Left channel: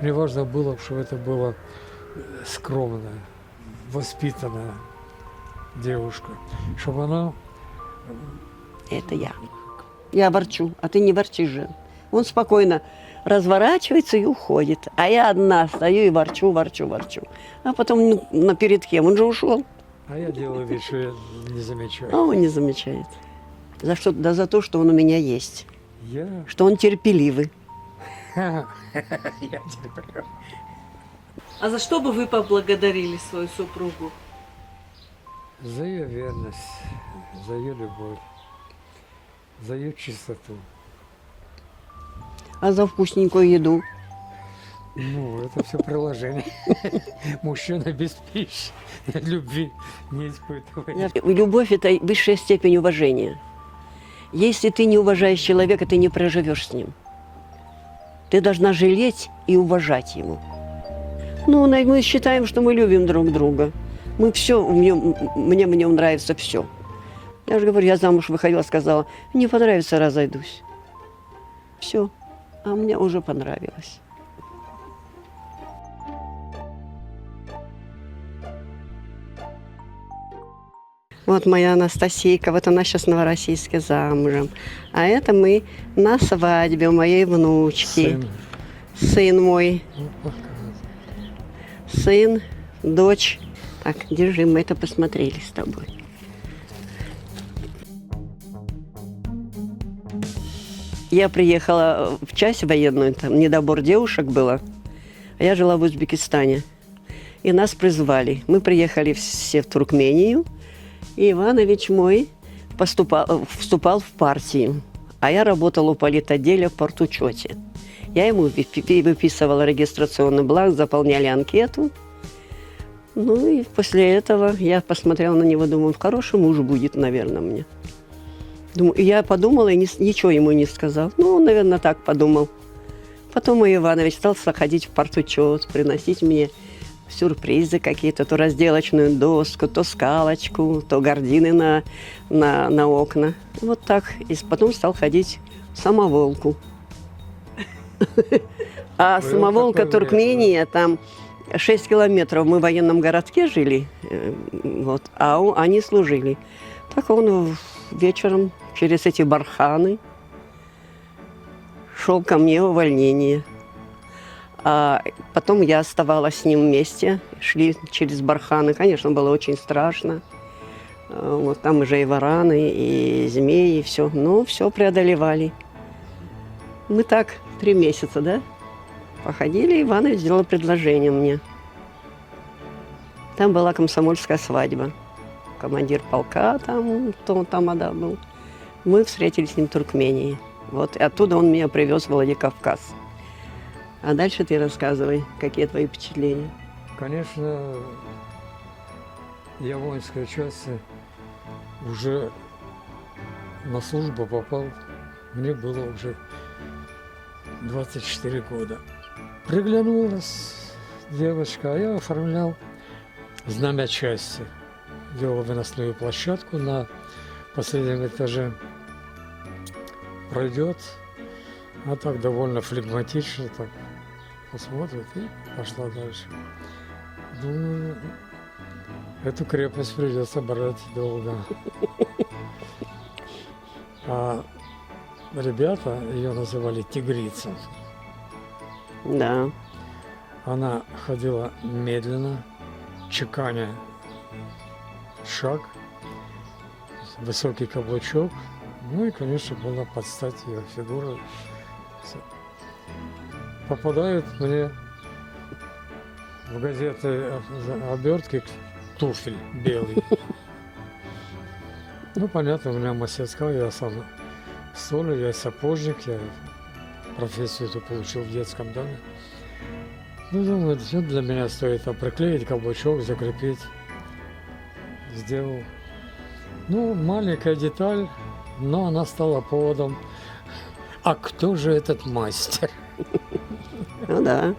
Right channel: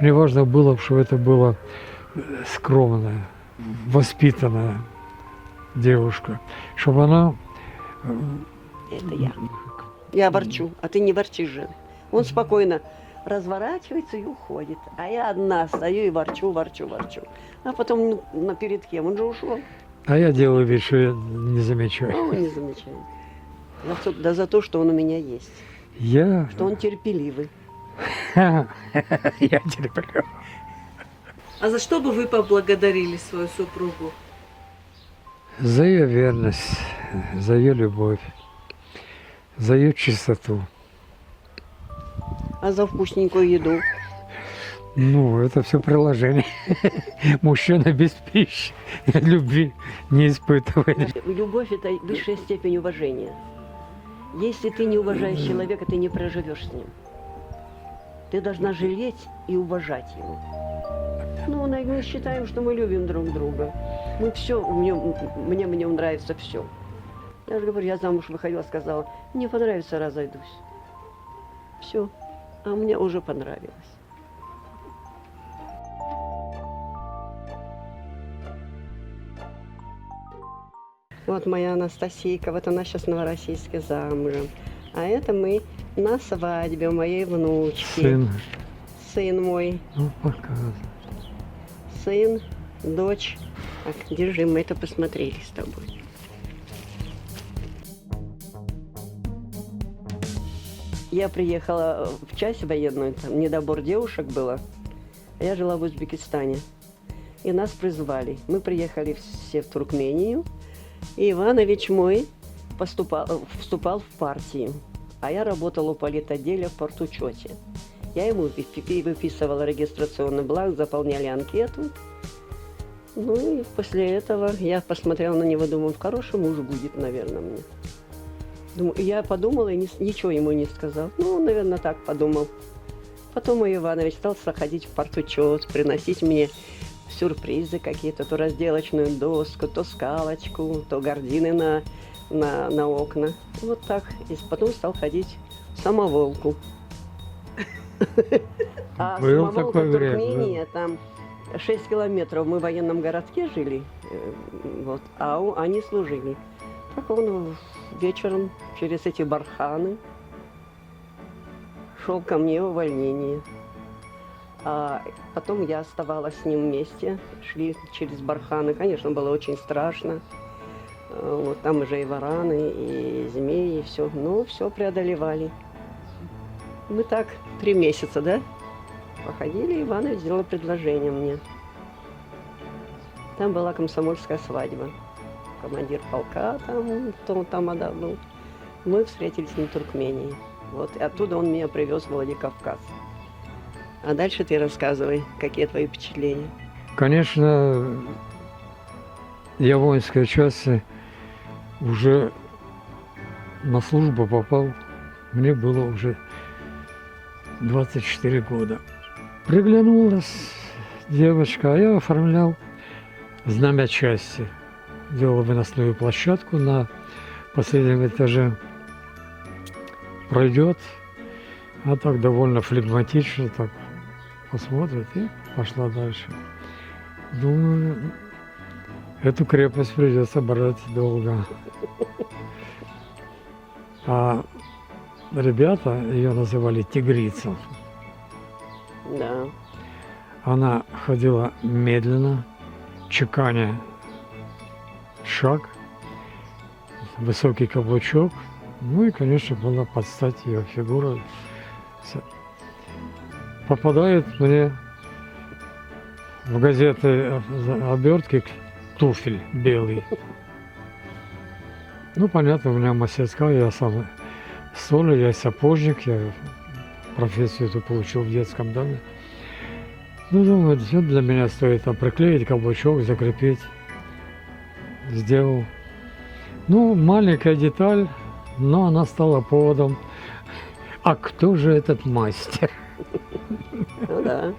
Мне важно было, чтобы это была скромная, воспитанная девушка, чтобы она... Это я. Я ворчу, а ты не ворчишь же. Он спокойно разворачивается и уходит. А я одна стою и ворчу. А потом, ну, перед кем? Он же ушел. А я делаю вид, что я не замечаю. А он не замечает. За то, что он у меня есть. Я... Что он терпеливый. Я терплю. А за что бы вы поблагодарили свою супругу? За ее верность, за ее любовь, за ее чистоту. А за вкусненькую еду? Ну, это все приложение. Мужчина без пищи, любви не испытывает. Любовь – это высшая степень уважения. Если ты не уважаешь человека, ты не проживешь с ним. Ты должна жалеть и уважать его. Ну, мы считаем, что мы любим друг друга. Мы все, мне в нем нравится все. Я же говорю, я замуж выходила, сказала, не понравится, разойдусь. Все. А мне уже понравилось. Вот моя Анастасийка, вот она сейчас в Новороссийске замужем. А это мы на свадьбе у моей внучки. Сын. Сын мой, Ну, показывай. сын, дочь. Так, держи, мы это посмотрели с тобой. Я приехала в часть военную, там недобор девушек было. А я жила в Узбекистане. И нас призвали. Мы приехали все в Туркмению. И Иванович мой вступал в партию. А я работала у политотделя в партучете. Я ему выписывала регистрационный бланк, заполняли анкету. Ну и после этого я посмотрела на него, думаю, хороший муж будет, наверное, мне. Думаю, я подумала и ничего ему не сказал. Ну, он, наверное, так подумал. Потом мой Иванович стал ходить в партучет, приносить мне сюрпризы какие-то, то разделочную доску, то скалочку, то гардины на окна. Вот так. И потом стал ходить в самоволку. А Был самоволка такой Туркмения, там 6 километров мы в военном городке жили, вот, а они служили. Так он вечером через эти барханы шел ко мне в увольнение. А потом я оставалась с ним вместе, шли через барханы. Конечно, было очень страшно. Вот там уже и вараны, и змеи, и все. Ну, все преодолевали. Мы так 3 месяца, да, походили, Иванович сделал предложение мне. Там была комсомольская свадьба. Командир полка там, тамада был. Мы встретились с ним в Туркмении. Вот, и оттуда он меня привез в Владикавказ. А дальше ты рассказывай, какие твои впечатления. Конечно, я в воинской части уже на службу попал. Мне было уже 24 года. Приглянулась девочка, а я оформлял знамя части. Делал выносную площадку на последнем этаже. Пройдет, а так довольно флегматично, так посмотрит и пошла дальше. Думаю, эту крепость придется брать долго. А ребята, ее называли тигрица. Да. Она ходила медленно, чеканя шаг, высокий каблучок. Ну и, конечно, было под стать ее фигура. Попадает мне в газеты обертки туфель белый. Ну, понятно, у меня мастерская, я сам столер, я сапожник, я профессию эту получил в детском доме. Ну, думаю, все для меня стоит там приклеить каблучок, закрепить. Сделал. Ну, маленькая деталь, но она стала поводом. А кто же этот мастер? Ну да.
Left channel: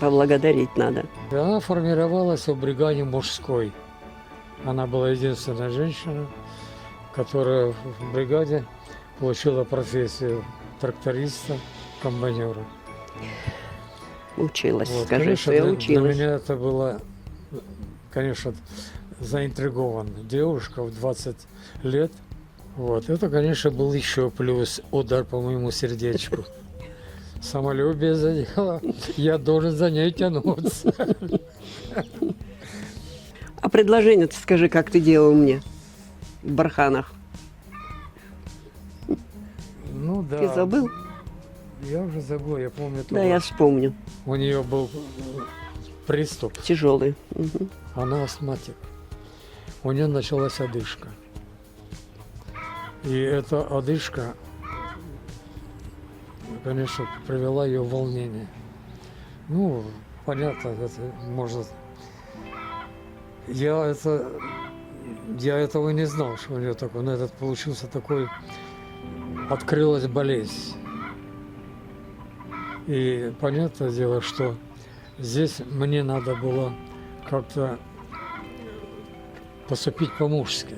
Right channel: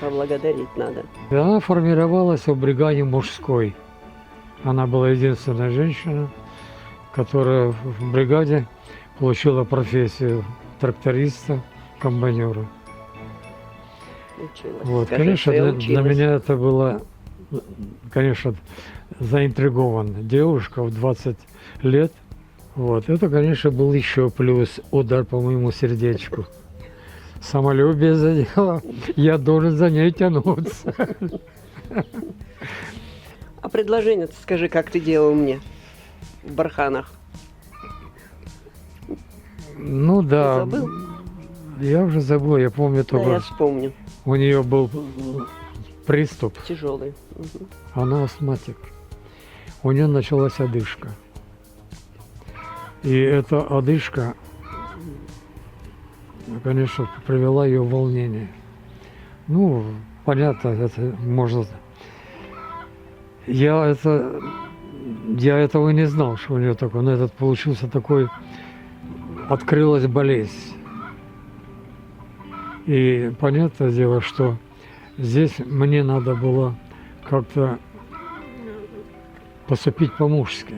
Поблагодарить надо. И она формировалась в бригаде мужской. Она была единственная женщина, которая в бригаде получила профессию тракториста, комбайнера. Училась, Вот, скажи, конечно, что я для училась. меня это было, конечно, заинтригован. Девушка в 20 лет. Вот, это, конечно, был еще плюс удар по моему сердечку. Самолюбие задело, я должен за ней тянуться. А предложение ты скажи, как ты делал мне в барханах? Ну да. Ты забыл? Я уже забыл, я помню Да, только, я вспомню. у нее был приступ, Тяжелый. Мгм. она астматик. У нее началась одышка. И эта одышка, конечно, привела ее в волнение. Ну, понятно, это можно... Я этого и не знал, что у нее такое. Но этот получился такой... Открылась болезнь. И понятное дело, что здесь мне надо было как-то поступить по-мужски.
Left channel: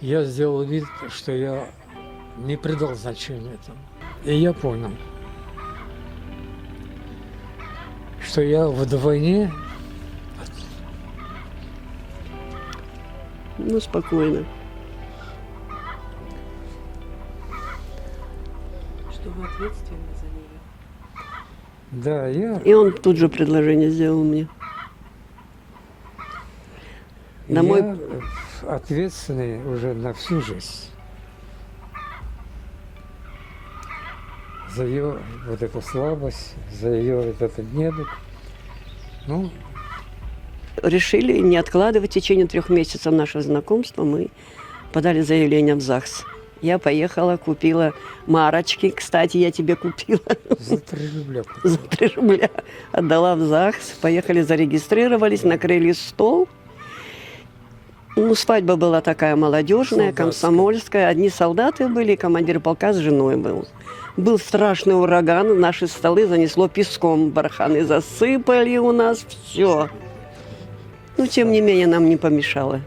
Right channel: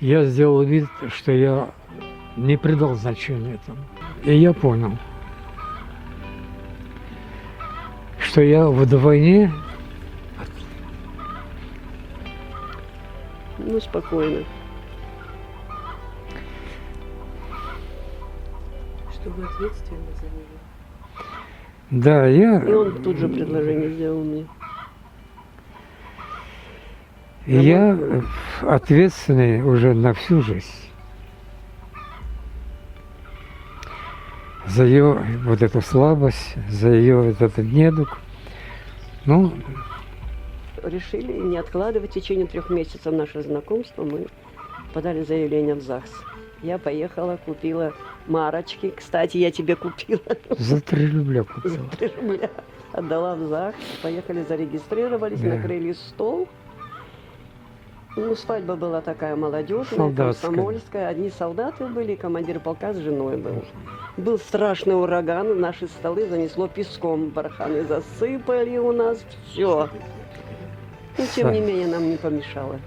Я сделал вид, что я не придал значения этому. И я понял, что я вдвойне Ну, спокойно. Что вы ответственны за нее. да, я, И он тут же предложение сделал мне. на я ответственный уже на всю жизнь за ее вот эту слабость, за ее вот этот недуг. Ну, Решили не откладывать в течение 3 месяцев наше знакомство. Мы подали заявление в ЗАГС. Я поехала, купила марочки. Кстати, я тебе купила за 3 рубля. за 3 рубля. Отдала в ЗАГС. Поехали, зарегистрировались, накрыли стол. Ну, свадьба была такая молодежная, Солдатская. комсомольская. Одни солдаты были, командир полка с женой был. Был страшный ураган, наши столы занесло песком, барханы засыпали у нас, все. Но, тем не менее, нам не помешало.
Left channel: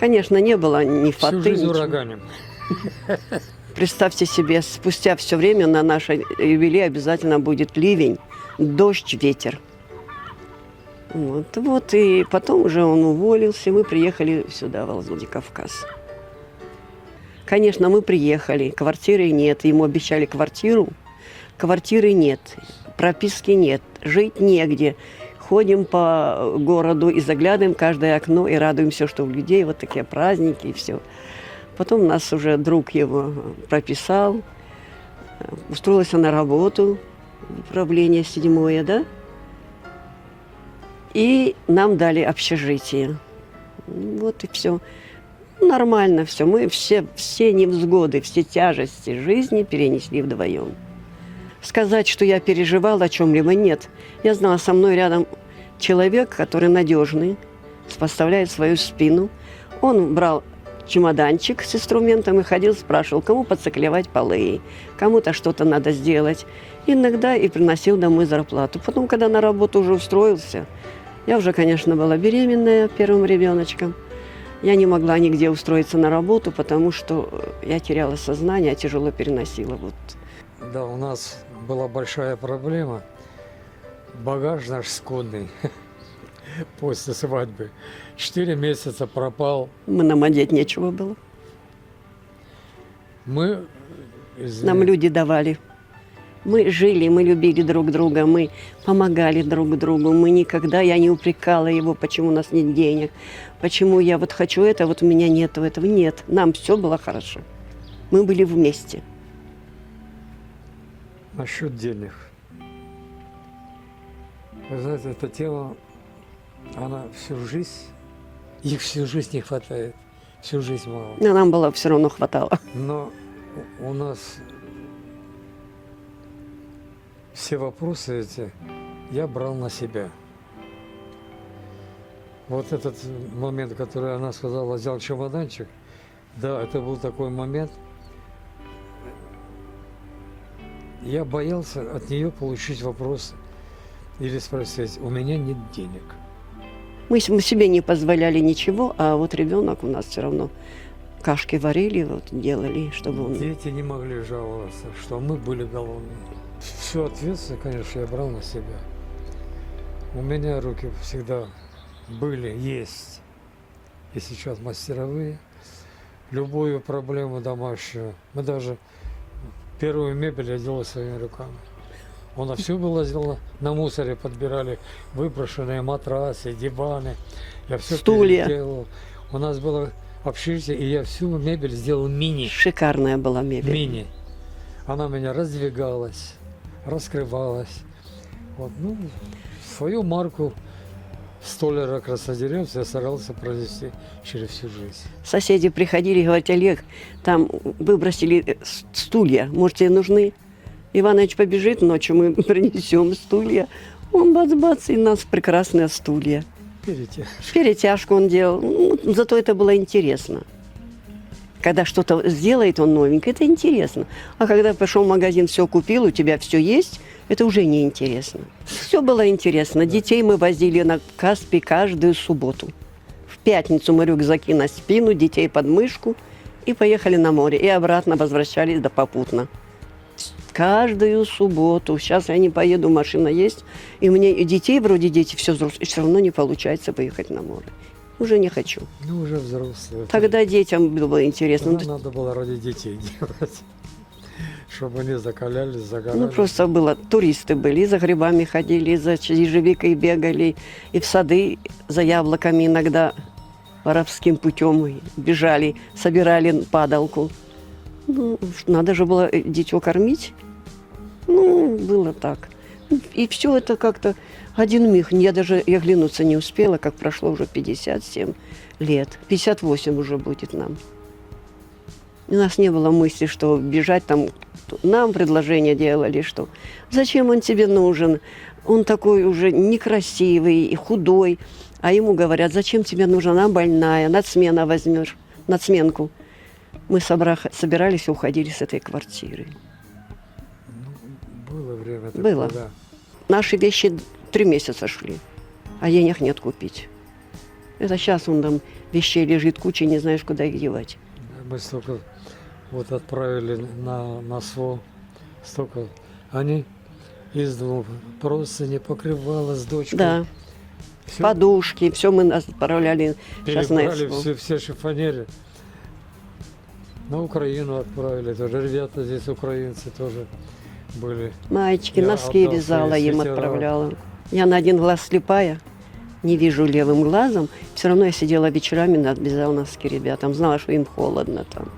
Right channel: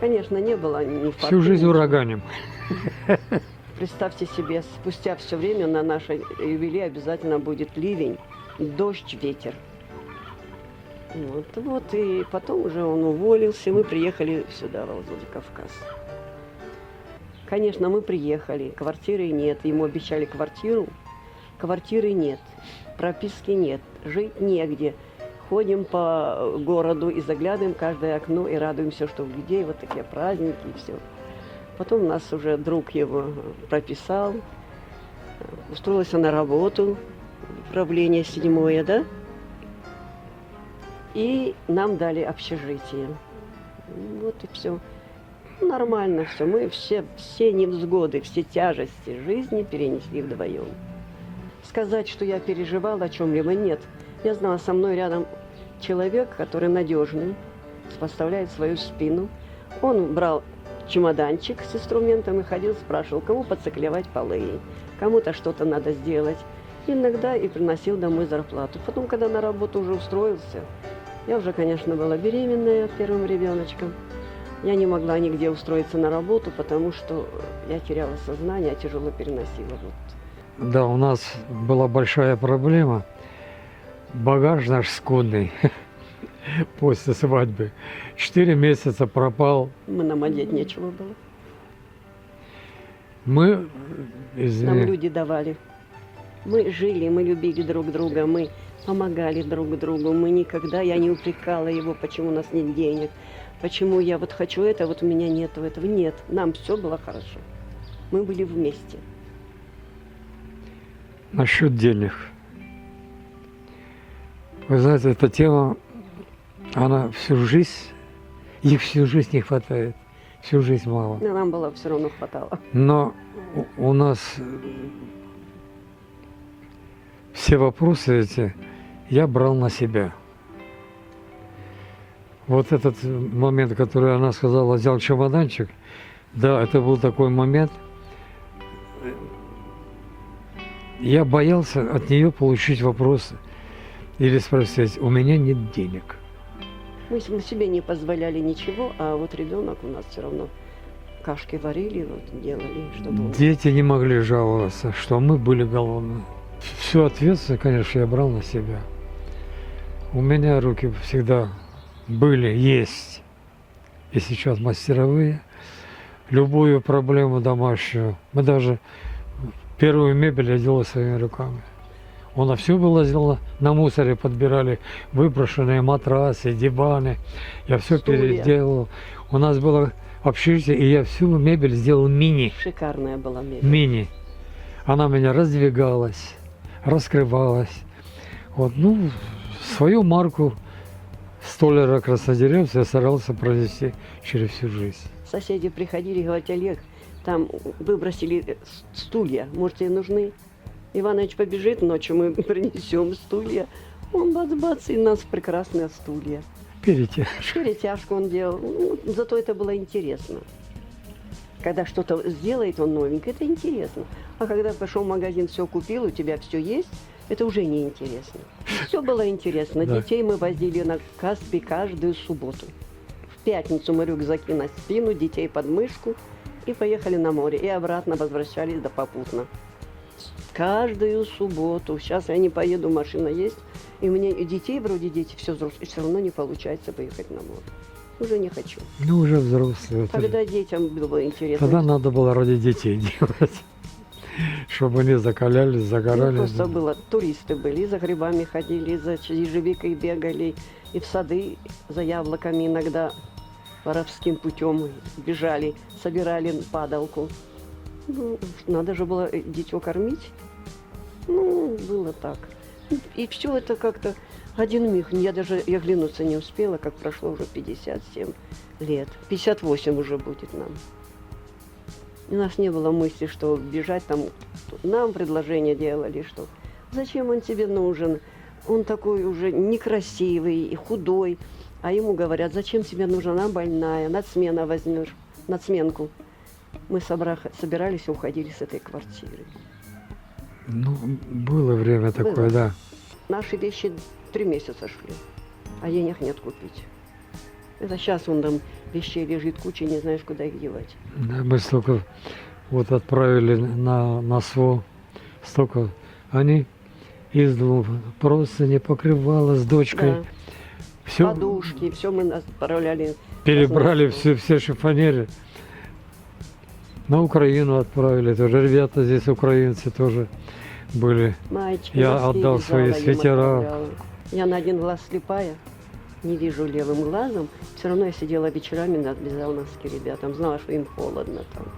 Конечно, не было ни фаты, Всю жизнь ничего. ураганим. Представьте себе, спустя все время на нашей юбилей обязательно будет ливень, дождь, ветер. Вот, и потом уже он уволился, мы приехали сюда, в Владикавказ. Конечно, мы приехали, квартиры нет, ему обещали квартиру, квартиры нет, прописки нет, жить негде. Ходим по городу и заглядываем в каждое окно и радуемся, что у людей вот такие праздники и все. Потом нас уже друг его прописал, устроился на работу, управление 7-е, да? И нам дали общежитие. Вот и все. Нормально все. Мы все невзгоды, все тяжести жизни перенесли вдвоем. Сказать, что я переживала о чем-либо, нет. Я знала, со мной рядом человек, который надежный, поставляет свою спину. Он брал чемоданчик с инструментом и ходил, спрашивал, кому подциклевать полы, кому-то что-то надо сделать. Иногда и приносил домой зарплату. Потом, когда на работу уже устроился, я уже, конечно, была беременная первым ребеночком. Я не могла нигде устроиться на работу, потому что я теряла сознание, тяжело переносила. Вот. Да, у нас была большая проблема. Багаж наш скудный после свадьбы. 4 месяца пропал. Нам одеть нечего было. Мы, Нам люди давали. Мы жили, мы любили друг друга, мы помогали друг другу. Мы никогда, я не упрекала его, почему у нас нет денег, почему я вот хочу это, вот у меня нет этого. Нет, нам все было хорошо. Мы были вместе. насчет денег. Вы знаете, эта тема, она всю жизнь, их всю жизнь не хватает, всю жизнь мало. Но нам было все равно хватало. Но у нас все вопросы эти я брал на себя. Вот этот момент, который она сказала, взял чемоданчик, да, это был такой момент. Я боялся от нее получить вопросы или спросить, у меня нет денег. Мы себе не позволяли ничего, а вот ребенок у нас все равно кашки варили, вот делали, чтобы он... Дети не могли жаловаться, что мы были голодны. Всю ответственность, конечно, я брал на себя. У меня руки всегда были, есть и сейчас мастеровые. Любую проблему домашнюю. Мы даже первую мебель я делал своими руками. У нас все было сделано, на мусоре подбирали выброшенные матрасы, диваны. Я все Стулья. переделал. У нас было общежитие, и я всю мебель сделал мини. Шикарная была мебель. Мини. Она у меня раздвигалась, раскрывалась. Вот, ну, свою марку столяра-краснодеревца я старался пронести через всю жизнь. Соседи приходили и говорят: Олег, там выбросили стулья, может, тебе нужны? Иванович побежит ночью, мы принесем стулья. Он бац-бац, и у нас прекрасные стулья. Видите? Перетяжку он делал. Ну, зато это было интересно. Когда что-то сделает он новенькое, это интересно. А когда пошел в магазин, все купил, у тебя все есть, это уже не интересно. Все было интересно. Да. Детей мы возили на Каспий каждую субботу. В пятницу мы рюкзаки на спину, детей под мышку и поехали на море. И обратно возвращались до попутно. Каждую субботу. Сейчас я не поеду, машина есть. И мне и детей, вроде дети, все взрослые, все равно не получается поехать на море. Уже не хочу. Ну, уже взрослые. Тогда детям было интересно. Тогда надо было ради детей делать. Чтобы они закалялись, загорали. Ну, просто было, туристы были, и за грибами ходили, и за ежевикой бегали, и в сады за яблоками иногда воровским путем бежали, собирали падалку. Ну, надо же было дитё кормить. Ну, было так. И все это как-то один миг. Я даже и оглянуться не успела, как прошло уже 57 лет. 58 уже будет нам. У нас не было мысли, что бежать там. Нам предложение делали, что зачем он тебе нужен? Он такой уже некрасивый и худой. А ему говорят: зачем тебе нужна? Она больная, надсмена возьмешь, надсменку. Мы собирались и уходили с этой квартиры. Ну, было время такое, Было. да. Наши вещи 3 месяца шли, а денег нет купить. Это сейчас он там вещей лежит куча, не знаешь, куда их девать. Да, мы столько вот отправили на СВО, столько они из двух просто не покрывало с дочкой. Да, Всё подушки, все мы отправляли. щас на перебрали, СВО. все шифонеры. На Украину отправили тоже. Ребята здесь, украинцы, тоже были. Маечки, Я носки отдал вязала, свои им свитера. отправляла. Я на один глаз слепая, не вижу левым глазом. Все равно я сидела вечерами, вязала носки ребятам. Знала, что им холодно там.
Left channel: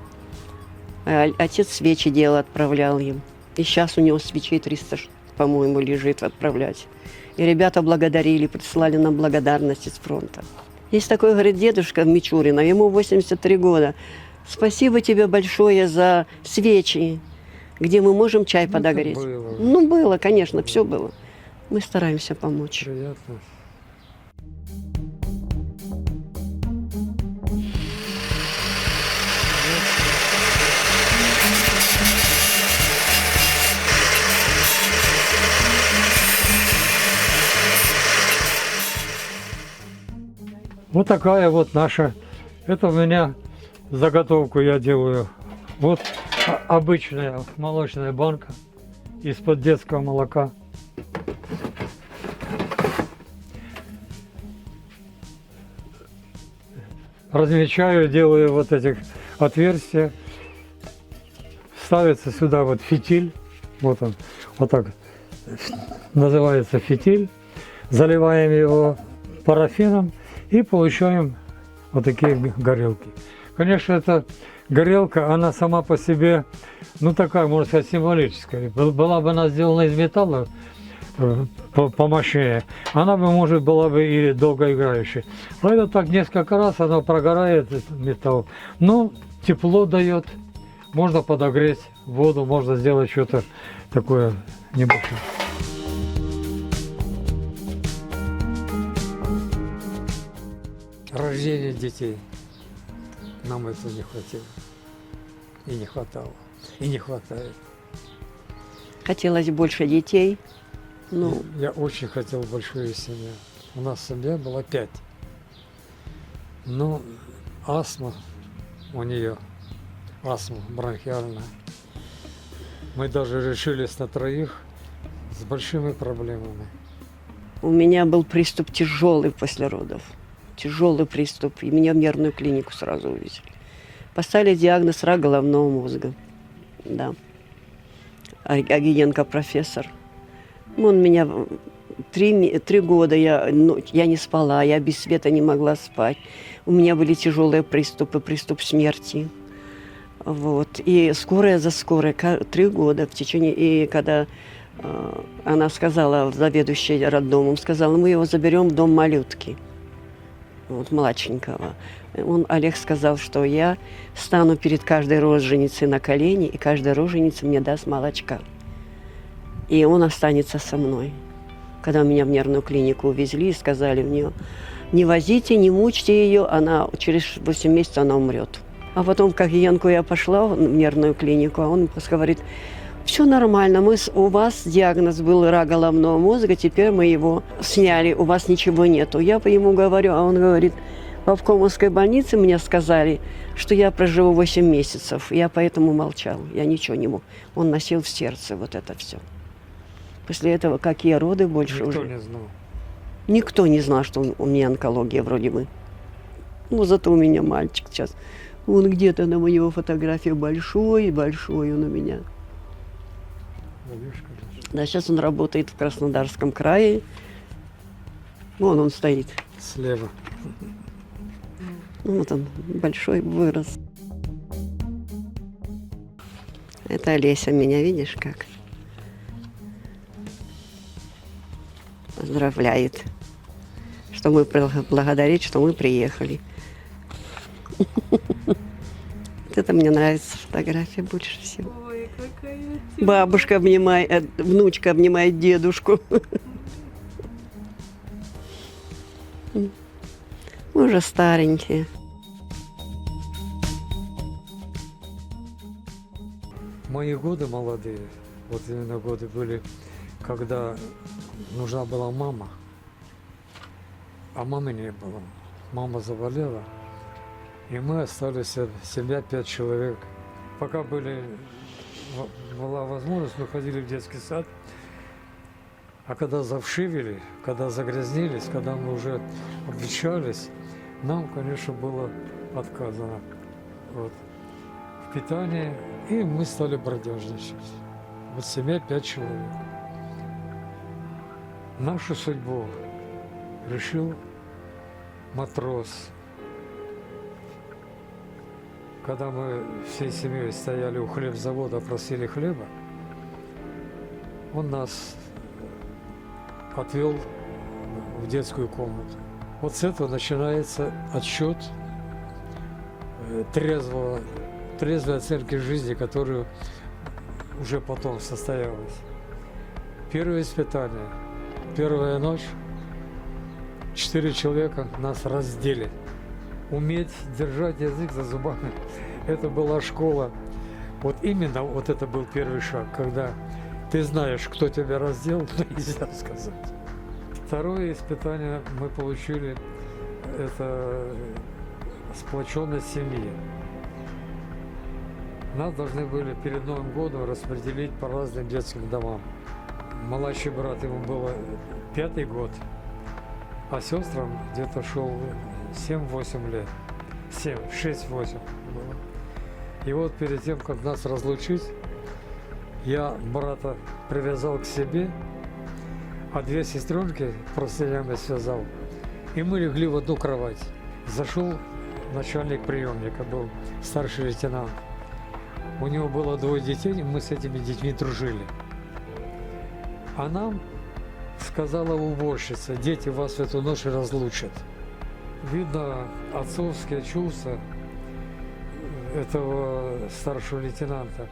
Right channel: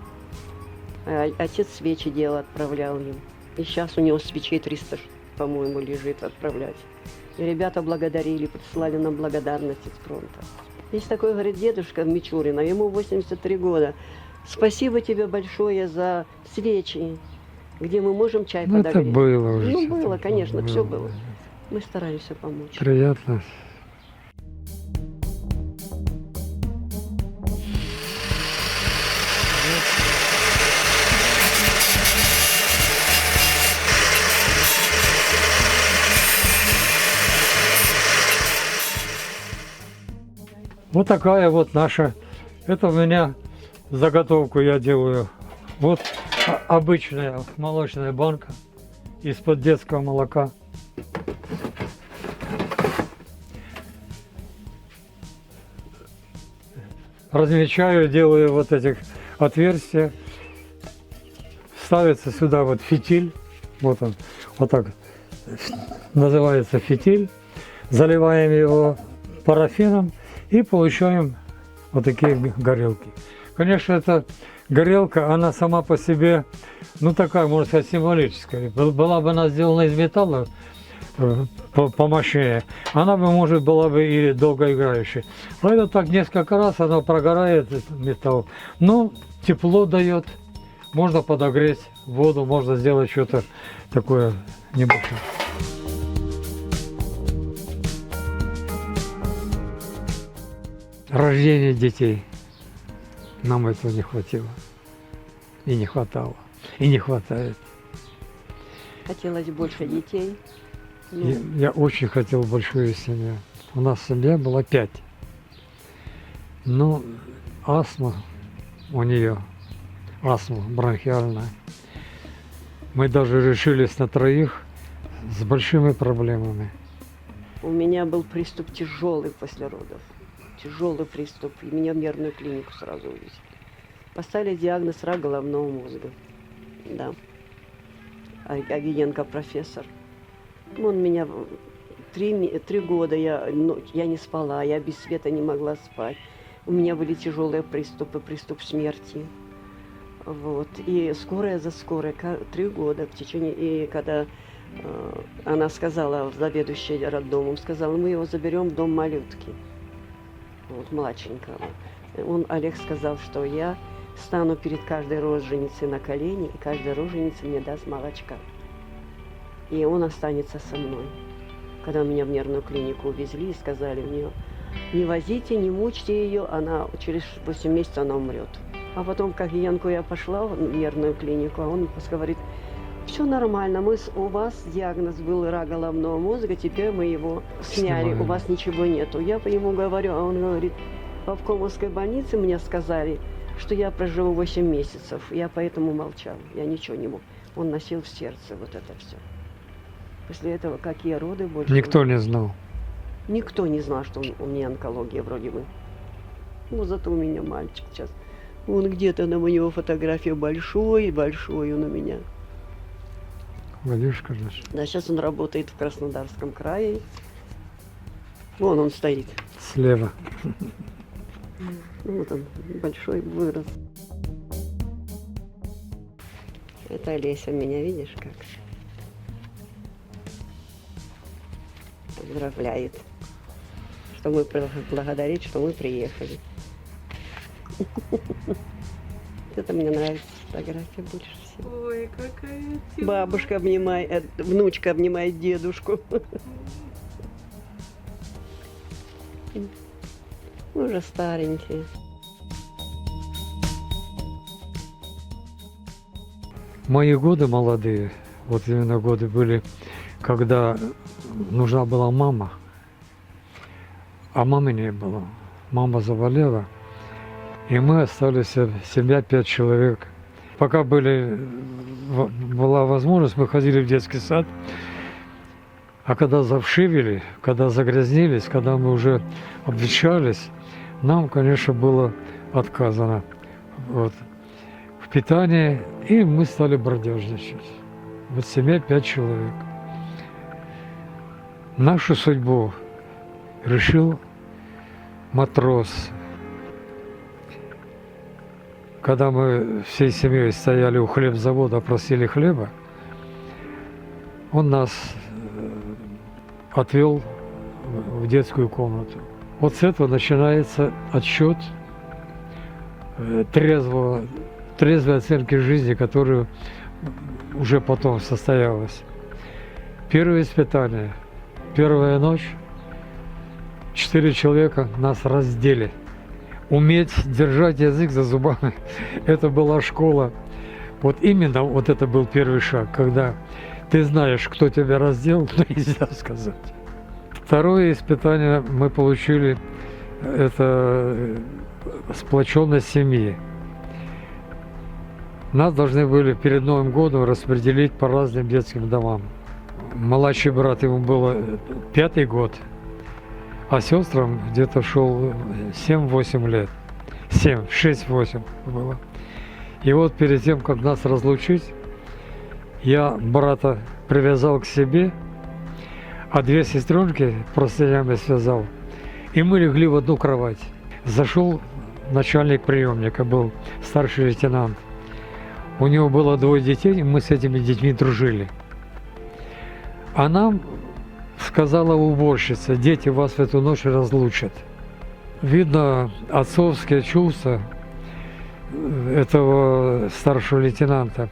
А отец свечи делал, отправлял им. И сейчас у него свечей 300, по-моему, лежит отправлять. И ребята благодарили, прислали нам благодарность из фронта. Есть такой, говорит, дедушка Мичурина, ему 83 года. Спасибо тебе большое за свечи, где мы можем чай Ну, это подогреть. было уже. Ну, было, конечно, все было. Мы стараемся помочь. Приятно. Вот такая вот наша. Это у меня заготовку я делаю. Вот обычная молочная банка из-под детского молока. Размечаю, делаю вот этих отверстия. Ставится сюда вот фитиль. Вот он, вот так называется фитиль. Заливаем его парафином и получаем вот такие горелки. Конечно, эта горелка, она сама по себе, ну такая, можно сказать, символическая. Была бы она сделана из металла, помощнее, она бы, может, была бы и долгоиграющей. Но это так несколько раз, она прогорает, этот металл. Но тепло дает, можно подогреть воду, можно сделать что-то такое небольшое. Рождение детей. Нам этого не хватило. И не хватало. И не хватает. Хотелось больше детей. Ну, Я очень хотел большую семью. У нас семья была 5. Ну, астма у нее, астма бронхиальная. Мы даже решились на 3, с большими проблемами. У меня был приступ тяжелый после родов. Тяжелый приступ. И меня в нервную клинику сразу увезли. Поставили диагноз рак головного мозга. Да. Агиенко профессор. Он меня 3 года я не спала, я без света не могла спать. У меня были тяжелые приступы, приступ смерти. Вот. И скорая за скорой, 3 года в течение. И когда она сказала, заведующая роддомом, сказала, мы его заберем в дом малютки, вот, младшенького. Олег сказал, что я стану перед каждой роженицей на колени, и каждая роженица мне даст молочка. И он останется со мной. Когда меня в нервную клинику увезли и сказали мне, не возите, не мучьте ее, она через 8 месяцев она умрет. А потом, как Янку, я пошла в нервную клинику, а он говорит, все нормально, у вас диагноз был рак головного мозга, теперь мы его сняли, у вас ничего нету. Я по ему говорю, а он говорит, в Обкомовской больнице мне сказали, что я проживу 8 месяцев. Я поэтому молчал, я ничего не мог. Он носил в сердце вот это все. После этого какие роды больше... Никто не знал. Никто не знал, что у меня онкология вроде бы. Ну, зато у меня мальчик сейчас. Он где-то на его фотографии большой он у меня. Вадюшка, значит. Да, сейчас он работает в Краснодарском крае. Вон он стоит. Слева. Вот он, большой, вырос. Это Олеся меня, видишь, как? Поздравляет. Что мы благодарит, что мы приехали. Вот это мне нравится фотография больше всего. Ой, какая Бабушка обнимает, внучка обнимает дедушку. Мы уже старенькие. Мои годы молодые, вот именно годы были, когда нужна была мама, а мамы не было. Мама заболела, и мы остались, семья 5 человек. Пока была возможность, мы ходили в детский сад, а когда завшивели, когда загрязнились, когда мы уже обветшались, нам, конечно, было отказано вот, в питании, и мы стали бродяжничать. Вот семья 5 человек. Нашу судьбу решил матрос. Когда мы всей семьей стояли у хлебзавода, просили хлеба, он нас отвел в детскую комнату. Вот с этого начинается отсчет трезвой оценки жизни, которая уже потом состоялась. Первое испытание, первая ночь, 4 человека нас раздели. Уметь держать язык за зубами, это была школа. Вот именно вот это был первый шаг, когда ты знаешь, кто тебя раздел, но нельзя сказать. Второе испытание мы получили, это сплоченность семьи. Нас должны были перед Новым годом распределить по разным детским домам. Младший брат, ему было 5-й год, а сестрам где-то шел 7-8 лет. 6-8 было. И вот перед тем, как нас разлучить, я брата привязал к себе, а 2 сестренки простынями связал. И мы легли в одну кровать. Зашел начальник приемника, был старший лейтенант. У него было 2 детей, и мы с этими детьми дружили. А нам сказала уборщица, дети вас в эту ночь разлучат. Видно, отцовские чувства этого старшего лейтенанта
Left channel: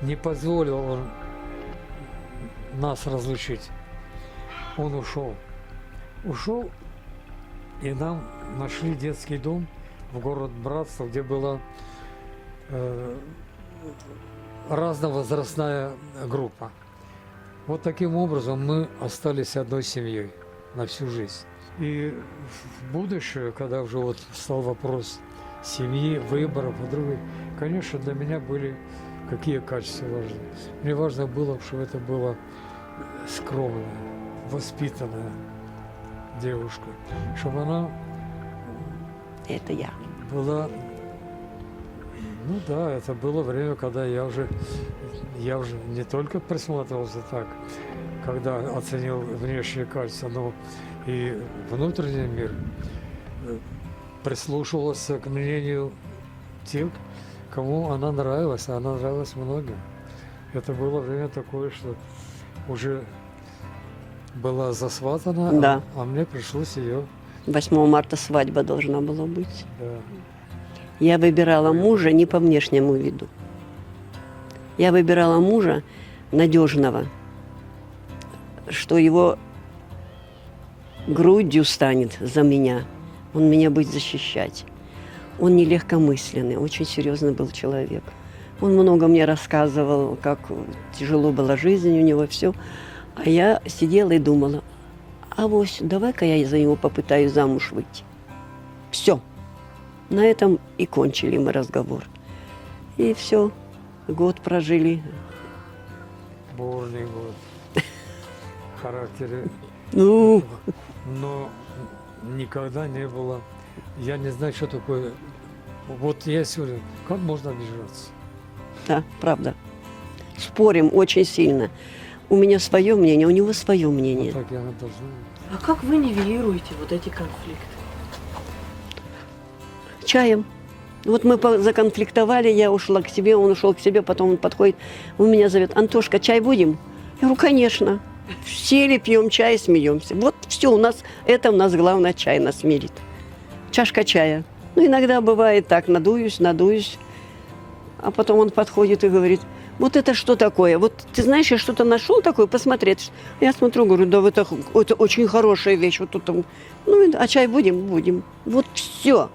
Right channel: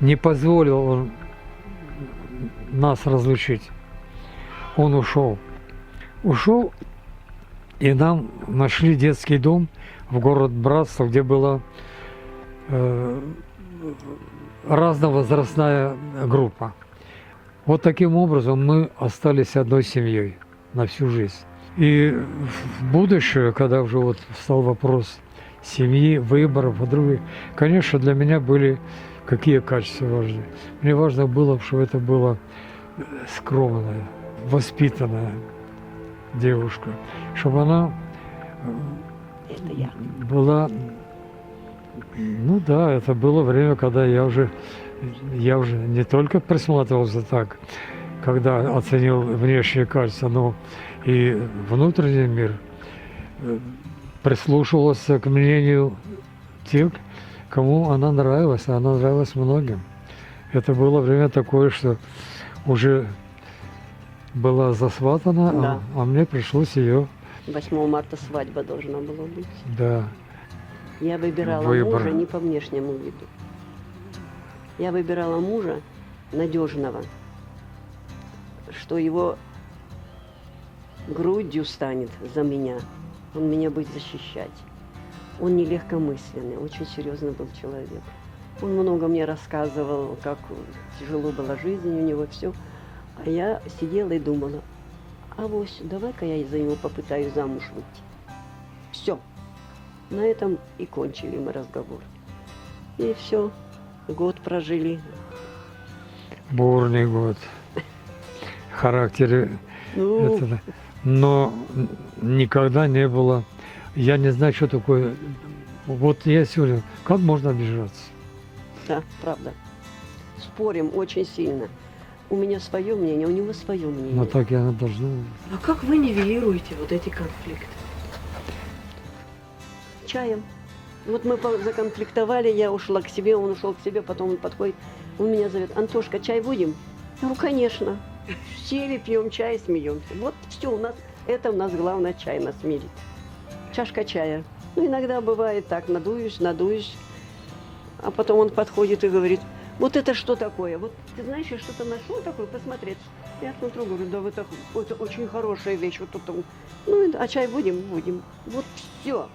не позволил он нас разлучить. Он ушел. Ушел, и нам нашли детский дом в город Братство, где была разновозрастная группа. Вот таким образом мы остались одной семьей на всю жизнь. И в будущее, когда уже вот стал вопрос семьи, выборов, подруги, конечно, для меня были какие качества важны. Мне важно было, чтобы это была скромная, воспитанная девушка, чтобы она Это я. была, ну да, это было время, когда я уже не только присматривался так, когда оценил внешнее качество, но и внутренний мир, прислушивался к мнению тех, кому она нравилась, а она нравилась многим. Это было время такое, что уже была засватана, Да. а мне пришлось ее, 8 марта свадьба должна была быть. да, Я выбирала Выбор. мужа не по внешнему виду. Я выбирала мужа надежного, что его грудью станет за меня. Он меня будет защищать. Он не легкомысленный, очень серьезный был человек. Он много мне рассказывал, как тяжело была жизнь у него, все. А я сидела и думала, авось, давай-ка я за него попытаюсь замуж выйти. Все. На этом и кончили мы разговор. И все. Год прожили. бурный год, характере, Ну, это, но никогда не было, я не знаю, что такое, вот я сегодня, как можно обижаться? да, правда. Спорим очень сильно. У меня свое мнение, у него свое Вот мнение. так и она должна быть. А как вы нивелируете вот эти конфликты? Чаем. Вот мы законфликтовали, я ушла к себе, он ушел к себе, потом он подходит, он меня зовет: Антошка, чай будем? Я говорю, конечно. Сели, пьем чай, смеемся. Вот все, у нас главное, чай нас мирит. Чашка чая. Ну, иногда бывает так, надуюсь, а потом он подходит и говорит: вот это что такое? Вот ты знаешь, я что-то нашел такое, посмотреть. Я смотрю, говорю, да это очень хорошая вещь. Вот тут, ну, а чай будем? Будем. Вот все.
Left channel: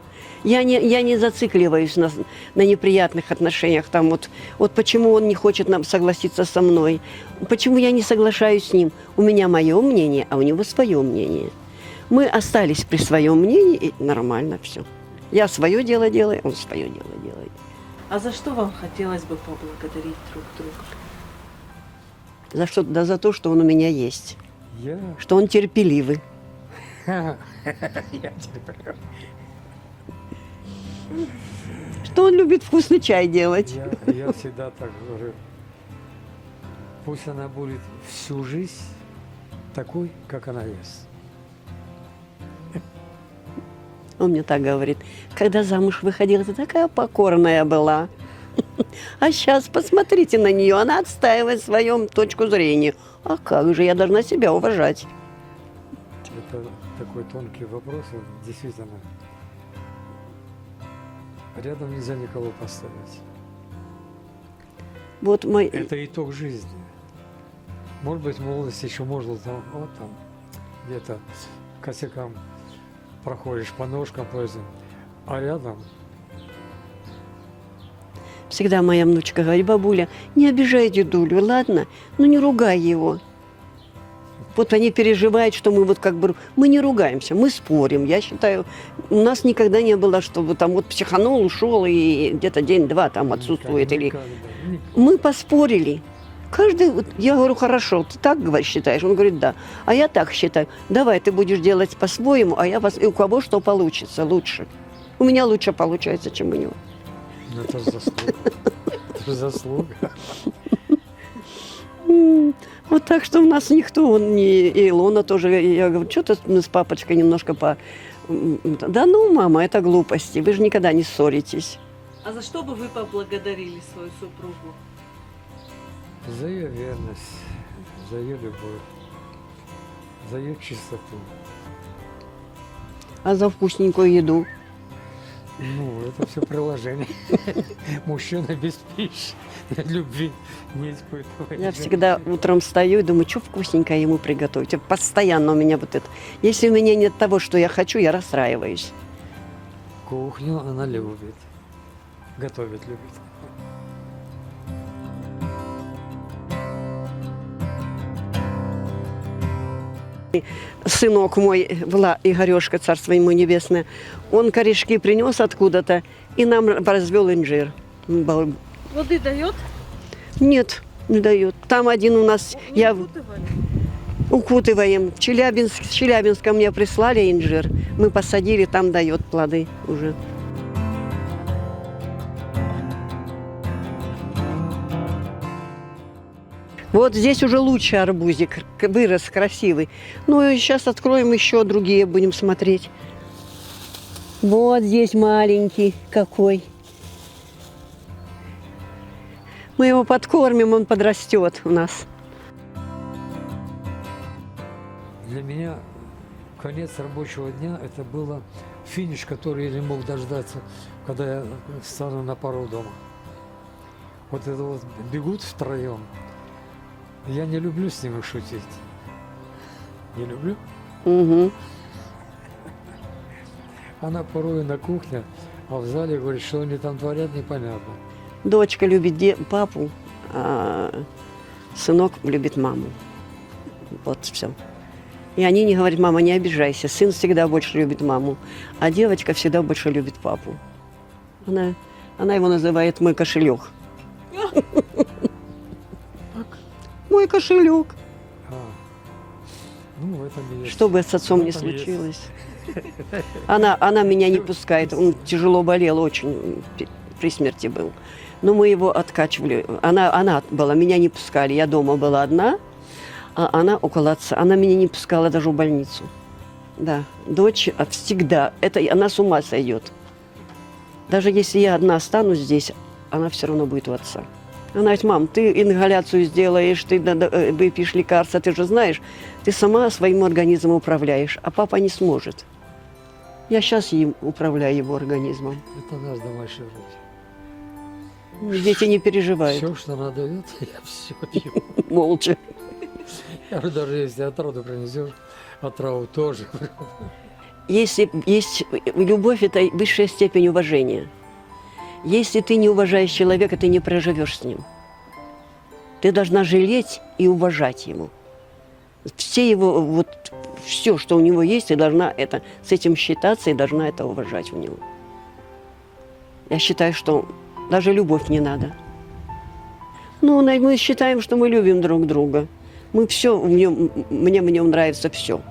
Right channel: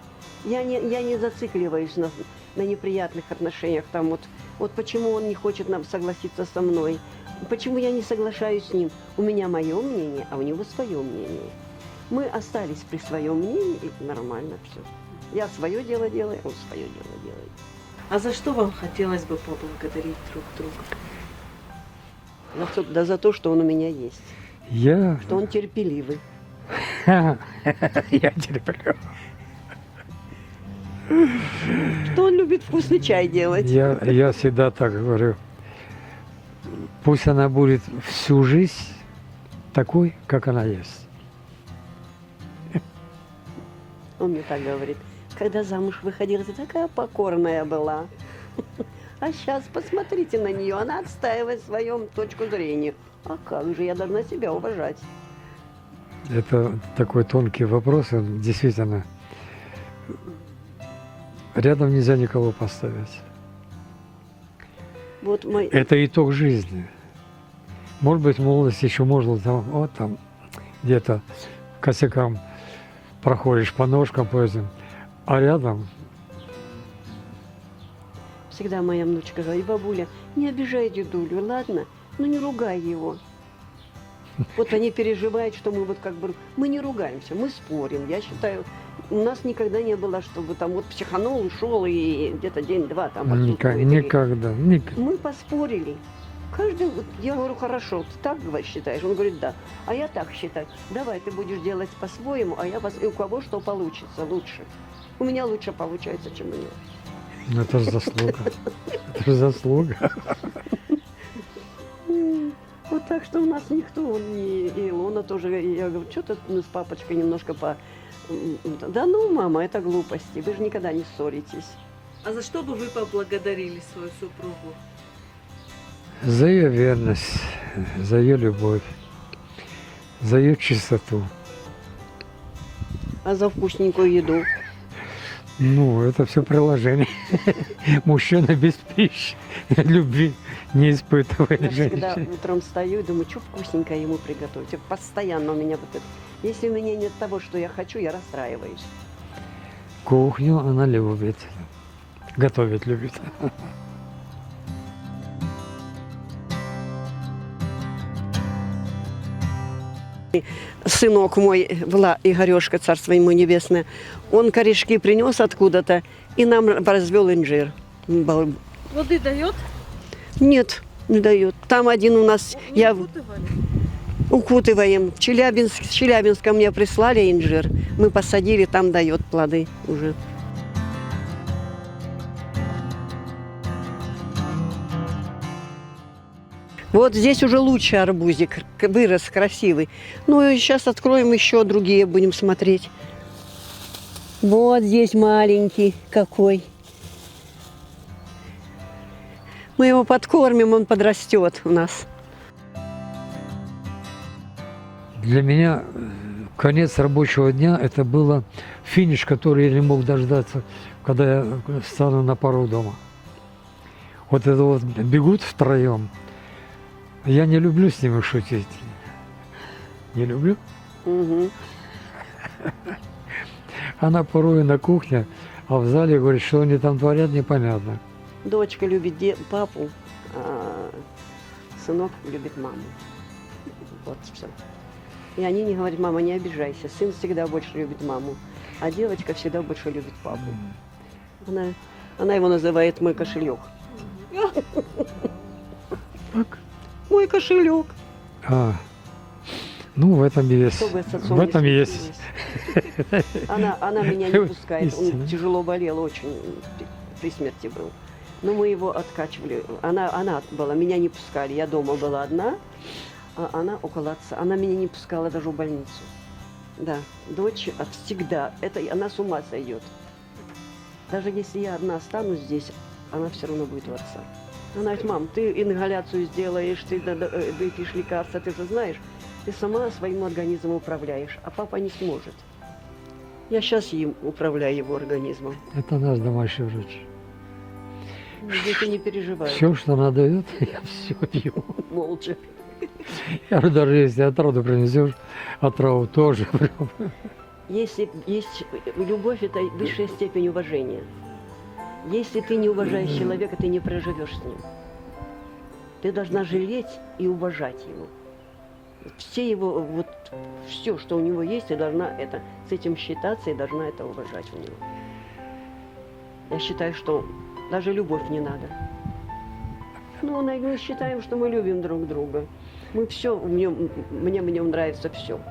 Я не зацикливаюсь на неприятных отношениях. Там вот почему он не хочет нам согласиться со мной, почему я не соглашаюсь с ним. У меня мое мнение, а у него свое мнение. Мы остались при своем мнении, и нормально все. Я свое дело делаю, он свое дело делает. А за что вам хотелось бы поблагодарить друг друга? За то, что он у меня есть, Я что он терпеливый. я терплю. Что он любит вкусный чай делать. Я всегда так говорю. Пусть она будет всю жизнь такой, как она есть. Он мне так говорит. Когда замуж выходила, ты такая покорная была. А сейчас посмотрите на нее, она отстаивает свою точку зрения. А как же, я должна себя уважать. Это такой тонкий вопрос, он действительно. Рядом нельзя никого поставить. Вот мой... Это итог жизни. Может быть, в молодости еще можно там где-то косякам проходишь по ножкам, по этим, а рядом Всегда моя внучка говорит: бабуля, не обижай дедулю, ладно? Ну не ругай его. Вот они переживают, что мы мы не ругаемся, мы спорим. Я считаю, у нас никогда не было, чтобы там вот психанул, ушел и где-то день-два там отсутствует. никогда. Мы поспорили. Я говорю, хорошо, ты так считаешь? Он говорит, да. А я так считаю. Давай, ты будешь делать по-своему, а и у кого что получится лучше. У меня лучше получается, чем у него. Это же заслуга. Это же заслуга. Вот так что у нас никто, и Илона тоже, я говорю, что-то мы с папочкой немножко Да ну, мама, это глупости, вы же никогда не ссоритесь. А за что бы вы поблагодарили свою супругу? За ее верность, за ее любовь, за ее чистоту. А за вкусненькую еду? Ну, это все приложение. Мужчина без пищи, любви не испытывает. Я всегда утром встаю и думаю, что вкусненькое ему приготовить. Вот постоянно у меня вот это. Если у меня нет того, что я хочу, я расстраиваюсь. Кухню она любит. Готовить любит. Сынок мой, Игорешка, царство ему небесное, он корешки принес откуда-то и нам развел инжир. Воды дает? Нет, Не дает. Там один у нас, Не я укутывали? укутываем. В Челябинска мне прислали инжир. Мы посадили, там дает плоды уже. Вот здесь уже лучше арбузик, вырос красивый. Ну и сейчас откроем еще другие, будем смотреть. Вот здесь маленький какой. Мы его подкормим, он подрастет у нас. Для меня конец рабочего дня – это было финиш, который я не мог дождаться, когда я стану на пару дома. Вот это вот бегут втроем. Я не люблю с ними шутить. Не люблю. Мгм. Она порой на кухне, а в зале говорит, что они там творят, непонятно. Дочка любит папу, а сынок любит маму. Вот все. И они не говорят: мама, не обижайся. Сын всегда больше любит маму, а девочка всегда больше любит папу. Она его называет «мой кошелек». Так. Мой кошелек. Ну, в этом и есть. Что бы с отцом В не этом есть. случилось. Она меня не пускает. Он Истина. тяжело болел, очень при смерти был. Но мы его откачивали. Она была, меня не пускали. Я дома была одна, а она около отца. Она меня не пускала даже в больницу. Да, дочь всегда. Это она с ума сойдет. Даже если я одна останусь здесь, она все равно будет у отца. Она говорит: мам, ты ингаляцию сделаешь, ты выпьешь лекарства, ты же знаешь, ты сама своим организмом управляешь, а папа не сможет. Я сейчас им управляю его организмом. Это наш домашний врач. Дети не переживают. Все, что она дает, я все ем. Молча. Я говорю, даже если отраву принесешь, отраву тоже. Если есть любовь, это высшая степень уважения. Если ты не уважаешь человека, ты не проживешь с ним. Ты должна жалеть и уважать его. Все его, вот все, что у него есть, ты должна это, с этим считаться и должна это уважать у него. Я считаю, что даже любовь не надо. Ну, мы считаем, что мы любим друг друга. Мы все мне в нем нравится все.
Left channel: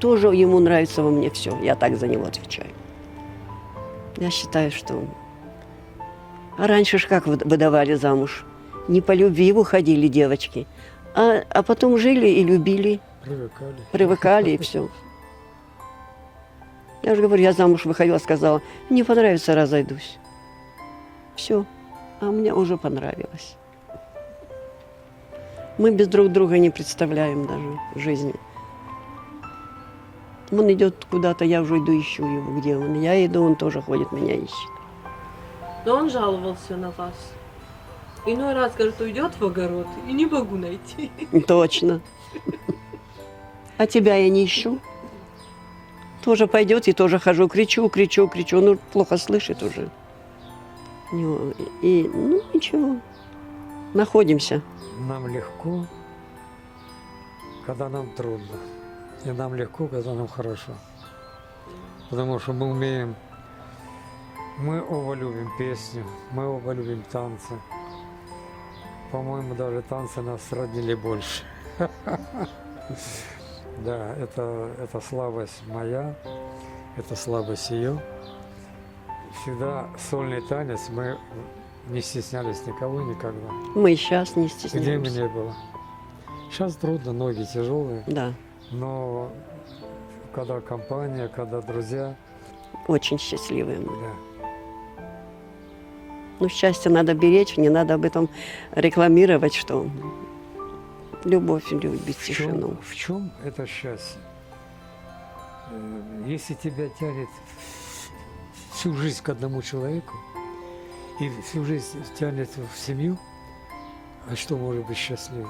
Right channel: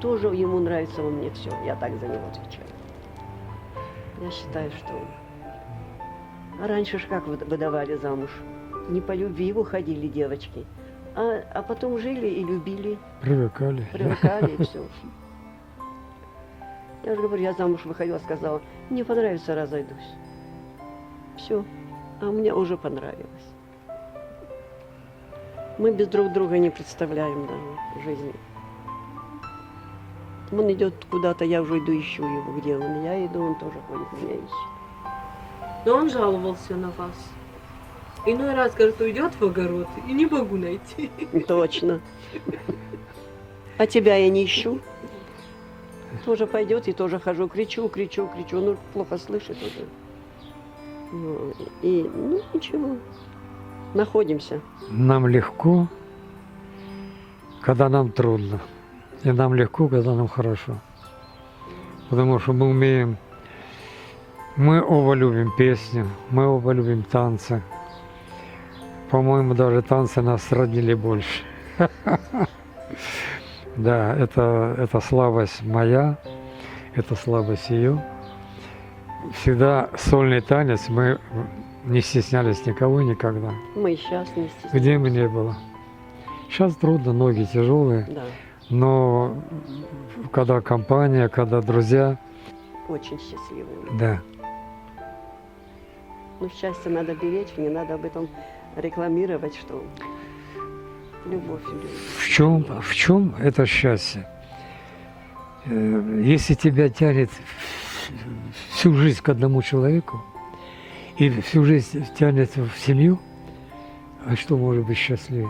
Тоже ему нравится во мне все. Я так за него отвечаю. Я считаю, что... А раньше ж как выдавали замуж? Не по любви выходили девочки, а потом жили и любили, Привыкали. привыкали и все. Я же говорю, я замуж выходила, сказала, не понравится, разойдусь. Все. А мне уже понравилось. Мы без друг друга не представляем даже жизни. Он идет куда-то, я уже иду, ищу его, где он. Я иду, он тоже ходит, меня ищет. Но он жаловался на вас. Иной раз, говорит, уйдет в огород и не могу найти. Точно. А тебя я не ищу. Тоже пойдет и тоже хожу, кричу. Ну, плохо слышит уже. Ну, ничего. Находимся. Нам легко, когда нам трудно. И нам легко, когда нам хорошо. Потому что мы оба любим песню, мы оба любим танцы. По-моему, даже танцы нас родили больше. Да, это слабость моя, это слабость ее. Всегда сольный танец, мы не стеснялись никого никогда. Мы и сейчас не Где бы стесняемся. ни было. Сейчас трудно, ноги тяжелые, Да, но когда компания, когда друзья, очень счастливые мы. да. Ну, счастье надо беречь, не надо об этом рекламировать, что любовь любит. В чем это счастье? Если тебя тянет всю жизнь к одному человеку, или всю жизнь тянет в семью, а что может быть счастливее?